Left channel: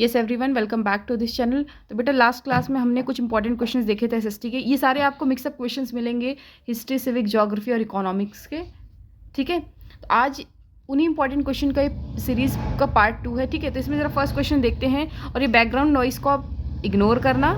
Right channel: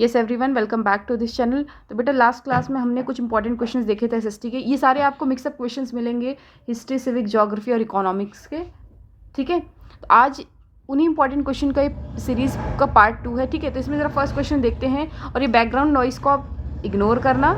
Yes everyone, welcome back to this channel. तो बेटा last class में हमने कुछ इंपॉर्टेंट क्वेश्चंस देखे थे एसएसटी के। ये सारे आपको मिक्सअप क्वेश्चंस मिलेंगे हिस्ट्री, सिविक, ज्योग्राफी और इकोनॉमिक्स के। ठीक है, तो आज उन्हीं इंपॉर्टेंट क्वेश्चन का सीरीज का पार्ट 2 है। ठीक है, तो इसमें ज़रा फर्स्ट क्वेश्चन देखते हैं और ये बैकग्राउंड नॉइस को आप इग्नोर करना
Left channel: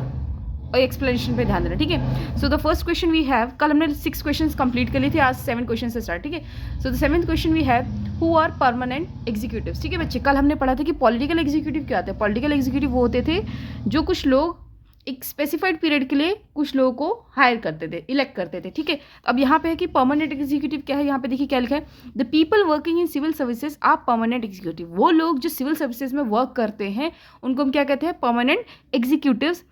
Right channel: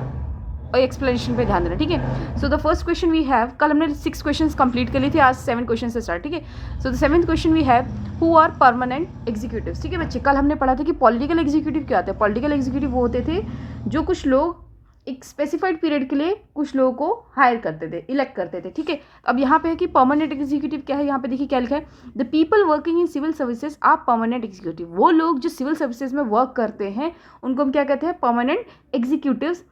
और एक्सप्लेनेशन पे ध्यान देना। ठीक है, so the first question we have, कल हमने 6 क्वेश्चंस कंप्लीट कर लिए थे, आज 7 क्वेश्चन से स्टार्ट। ठीक है, so the 7th question we have, who are permanent executives. ठीक है बच्चे, कल हमने पढ़ा था कि पॉलिटिकल एग्जीक्यूटिव क्या होता है। पॉलिटिकल एग्जीक्यूटिव वो होते थे जो कुछ लोग एक स्पेसिफाइड पीरियड के लिए कुछ लोगों को हायर करते थे, इलेक्ट करते थे। ठीक है, अब यहाँ पे है कि परमानेंट एग्जीक्यूटिव क्या है। यहाँ पे देखिए क्या लिखा है, the people working in civil services are permanent executive. वो लोग जो सिविल सर्विसेज में वर्क करते हैं उनको हम क्या कहते हैं, permanent executives.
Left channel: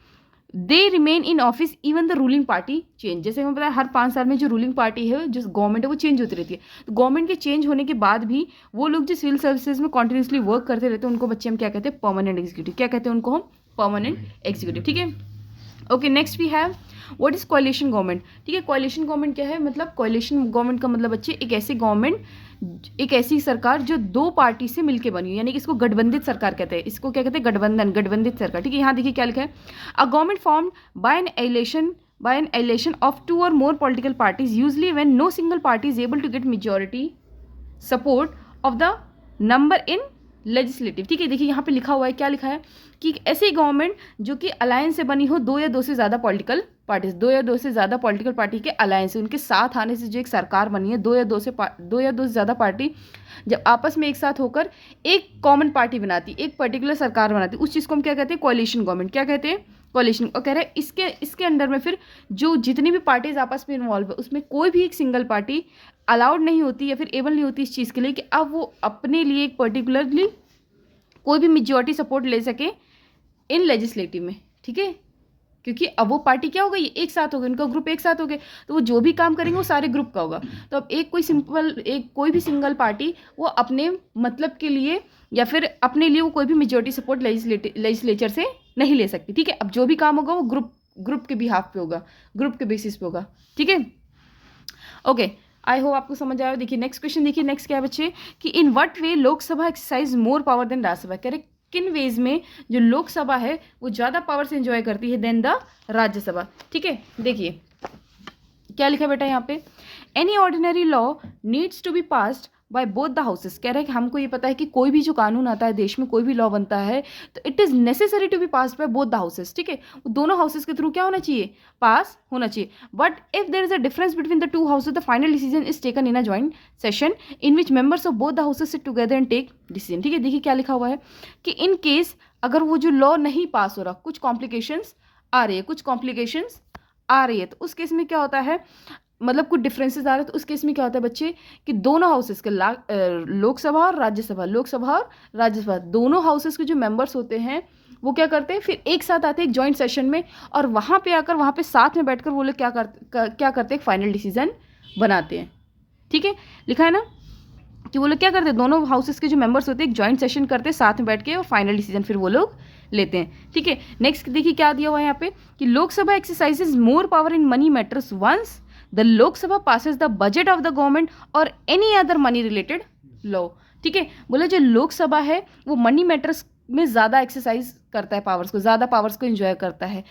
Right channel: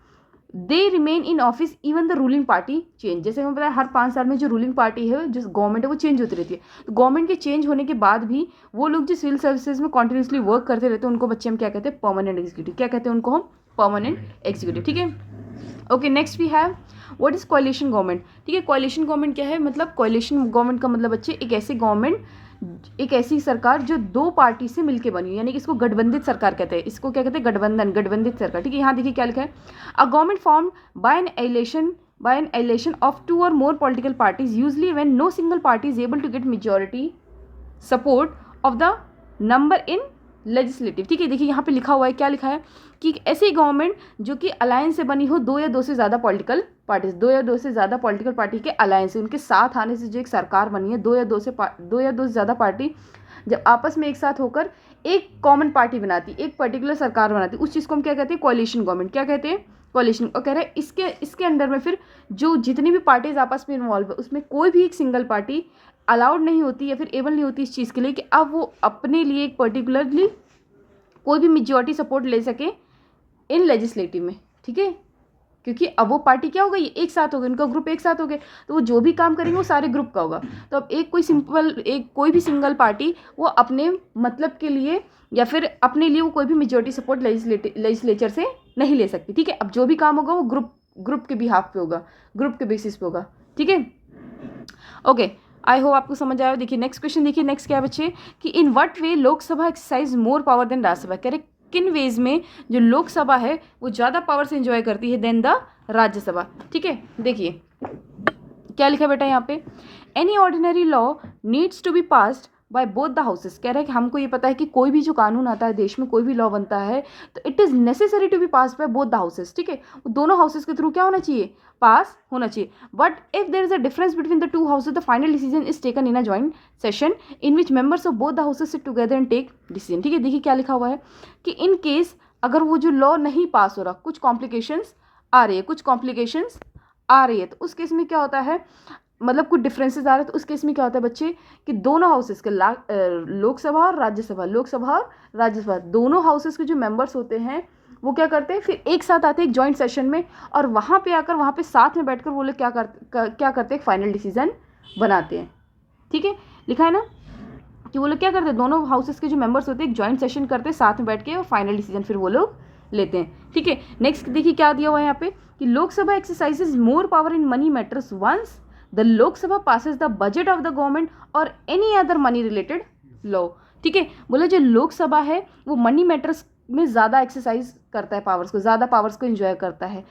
They remain in office even the ruling party change. जैसे हमें पता है हर 5 साल में जो रूलिंग पार्टी है, जो गवर्नमेंट है, वो चेंज होती रहती है। तो गवर्नमेंट के चेंज होने के बाद भी वो लोग जो सिविल सर्विसेज में कॉन्टिन्यूसली वर्क करते रहते हैं उनको बच्चे हम क्या कहते हैं, परमानेंट एग्जीक्यूटिव। क्या कहते हैं उनको हम, परमानेंट एग्जीक्यूटिव। ठीक है, okay next we have what is coalition government. ठीक है, कोalition गवर्नमेंट क्या है, मतलब कोalition गवर्नमेंट का मतलब बच्चे एक ऐसी गवर्नमेंट, एक ऐसी सरकार जो 2 पार्टी से मिलकर बनी, यानी कि इसको गठबंधित सरकार कहते हैं। इसको क्या कहते हैं, गठबंधन, गठबंधित सरकार। ठीक है, यहाँ देखिए क्या लिखा है, a government formed by an election of 2 or more political parties, usually when no single party is able to get majority support of the number in legislative. ठीक है, देखिए यहाँ पे लिखा हुआ है, क्या लिखा है कि ऐसी गवर्नमेंट जो कि अलायंस से बनी हो 2 या 2 से ज़्यादा पॉलिटिकल पार्टीज, 2 या 2 से ज़्यादा पॉलिटिकल पार्टी के अलायंस से, उनके साथ आने से जो एक सरकार बनी है, 2 या 2 से ज़्यादा पार्टी जब आपस में एक साथ होकर एक कॉमन पार्टी बनाती, एक पर्टिकुलर सरकार बनाती, उस चीज़ को हम क्या कहते हैं, कोalition गवर्नमेंट। क्या कहते हैं, कोalition। और कह रहे हैं इसके अंडर में फिर जो जितनी भी पार्टीज आपस में इन्वॉल्व है उसमें कोई भी एक सिंगल पार्टी अलाउड नहीं होती या फिर एबल नहीं होती इस चीज़ के लिए कि अब वो अपने लिए एक पर्टिकुलरली कोई भी मेजॉरिटी सपोर्ट ले सके इन लेजिस्लेटिव में। ठीक है, क्योंकि अब वो पार्टी क्या हो गई, एक साथ हो गई, उनका ग्रुप एक साथ हो गए, तो वो जो भी काम करेंगे वो सारे ग्रुप का होगा। तो अब कोई भी सिंगल पार्टी वो अपने मतलब के लिए या फिर अपने लिए वो कोई भी मेजॉरिटी सपोर्ट लेजिस्लेचर से नहीं ले सकती। ठीक है, अब जो भी काम होगा वो ग्रुप के बिहाफ पे होगा, ग्रुप के बेसिस पे होगा। ठीक है, ओके, आई होप आपको समझ आया। देखिए नेक्स्ट क्वेश्चन, देखिए नेक्स्ट क्या है बच्चे, कि in what way Lok Sabha exercise more power than Rajya Sabha. कह रहे किन वेज में जो लोकसभा है वो ज़्यादा पावर से एंजॉय करती है देन द राज्यसभा। ठीक है, देखिए क्या लिखा बेटा यहाँ पे, any ordinary law needs to be passed by both the houses. कह रहे हैं कि हमको ये पता है कि कोई भी जो कानून आता है देश में, कोई भी लॉ बनता है तो it is necessary to be passed by both the houses. ठीक है, दोनों हाउसेस के थ्रू क्या होना चाहिए, पास होना चाहिए। But if there is a difference between the 2 houses, the final decision is taken in a joint session in which members of both the houses sit together and take decision. ठीक है, देखिए क्या लिखा हुआ है कि इन केस अगर वो जो लॉ नहीं पास हो रहा, कुछ कॉम्प्लिकेशंस आ रही है, तो उस केस में क्या होता है, मतलब कुछ डिफरेंसेस आ रहे हैं, तो उस केस में क्या होता है बच्चे कि दोनों हाउसेस के लोकसभा और राज्यसभा दोनों हाउसेस के जो मेंबर्स होते हैं वो क्या करते हैं, फिर एक साथ आते हैं एक जॉइंट सेशन में, और वहाँ पे साथ में बैठकर वो लोग क्या करते हैं, फाइनल डिसीजन बनाते हैं। ठीक है, लिखा है ना कि वो लोग क्या करते हैं, दोनों हाउसेस के जो मेंबर्स होते हैं एक जॉइंट सेशन करते हैं साथ में बैठ के, और फाइनल डिसीजन फिर वो लोग लेते हैं। ठीक है, नेक्स्ट देखिए क्या दिया हुआ है यहाँ पे, कि Lok Sabha exercises more power in money matters once the Lok Sabha passes the budget of the government और any other money related law. ठीक है, बोले जो लोकसभा है वो मनी मैटर्स में ज़्यादा एक्सरसाइज करता है, ज़्यादा पावर्स को एंजॉय करता है।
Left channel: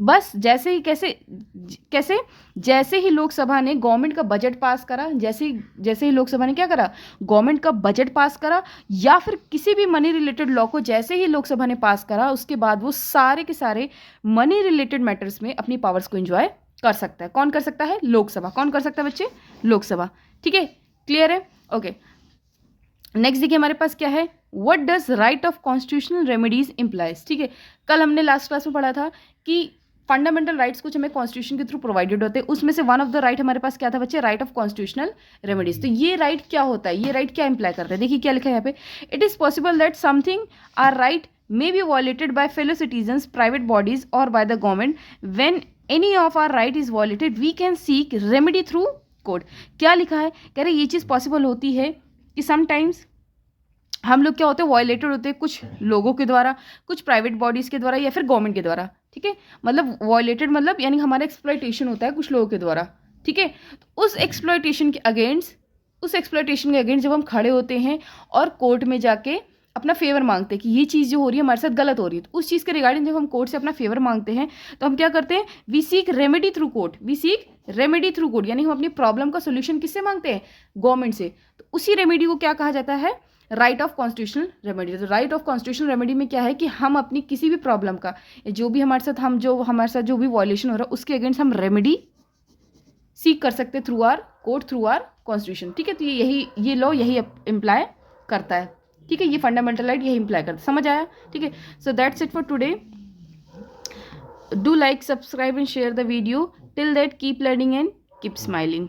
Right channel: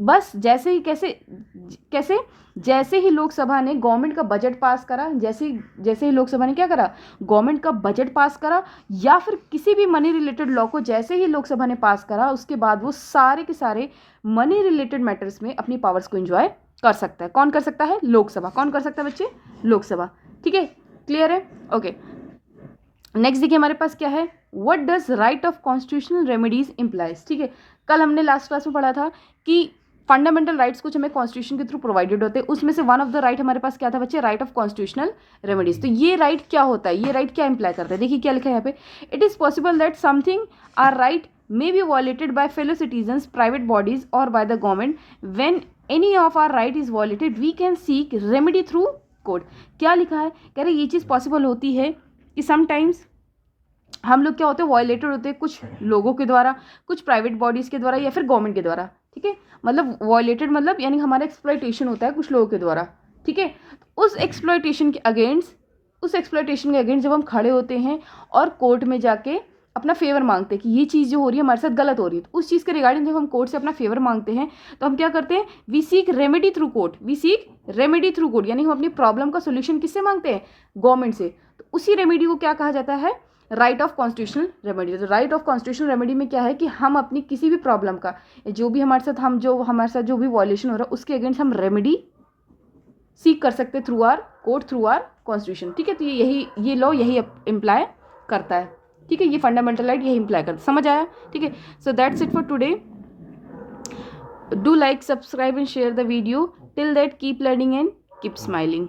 बस जैसे ही लोकसभा ने गवर्नमेंट का बजट पास करा, जैसे ही लोकसभा ने क्या करा, गवर्नमेंट का बजट पास करा, या फिर किसी भी मनी रिलेटेड लॉ को जैसे ही लोकसभा ने पास करा, उसके बाद वो सारे के सारे मनी रिलेटेड मैटर्स में अपनी पावर्स को एंजॉय कर सकता है। कौन कर सकता है, लोकसभा। कौन कर सकता है बच्चे, लोकसभा। ठीक है, क्लियर है, ओके। नेक्स्ट देखिए हमारे पास क्या है, what does right of constitutional remedies implies. ठीक है, कल हमने लास्ट क्लास में पढ़ा था कि फंडामेंटल राइट्स कुछ हमें कॉन्स्टिट्यूशन के थ्रू प्रोवाइडेड होते हैं, उसमें से वन ऑफ द राइट हमारे पास क्या था बच्चे, राइट ऑफ कॉन्स्टिट्यूशनल रेमेडीज। तो ये राइट क्या होता है, ये राइट क्या इंप्लाई करता है, देखिए क्या लिखा है यहाँ पे, it is possible that something our right may be violated by fellow citizens, private bodies or by the government. When any of our right is violated, we can seek remedy through court. क्या लिखा है, कह रहे ये चीज़ possible होती है कि sometimes हम लोग क्या होते हैं, वायलेटेड होते हैं कुछ लोगों के द्वारा, कुछ प्राइवेट बॉडीज़ के द्वारा या फिर गवर्नमेंट के द्वारा। ठीक है, मतलब वायलेटेड मतलब यानी हमारा एक्सप्लॉयटेशन होता है कुछ लोगों के द्वारा। ठीक है, उस एक्सप्लॉयटेशन के अगेंस्ट जब हम खड़े होते हैं और कोर्ट में जाके अपना फेवर मांगते हैं कि ये चीज़ जो हो रही है हमारे साथ गलत हो रही है, तो उस चीज़ के रिगार्डिंग जब हम कोर्ट से अपना फेवर मांगते हैं तो हम क्या करते हैं, we seek remedy through court, we seek remedy through court, यानी हम अपनी प्रॉब्लम का सोल्यूशन किससे मांगते हैं, गवर्नमेंट से। तो उसी रेमेडी को क्या कहा जाता है, राइट ऑफ कॉन्स्टिट्यूशनल रेमेडी। तो राइट ऑफ कॉन्स्टिट्यूशनल रेमेडी में क्या है कि हम अपनी किसी भी प्रॉब्लम का, जो भी हमारे साथ जो भी वॉयलेशन हो रहा है उसके अगेंस्ट हम रेमेडी सीक कर सकते हैं through our court, through our constitution. ठीक है, तो ये लॉ यही इम्प्लाई करता है। ठीक है, ये फंडामेंटल राइट यही इम्प्लाई करता है। समझ आया? ठीक है, so that's it for today. Do like, subscribe and share the video. Till that keep learning and keep smiling.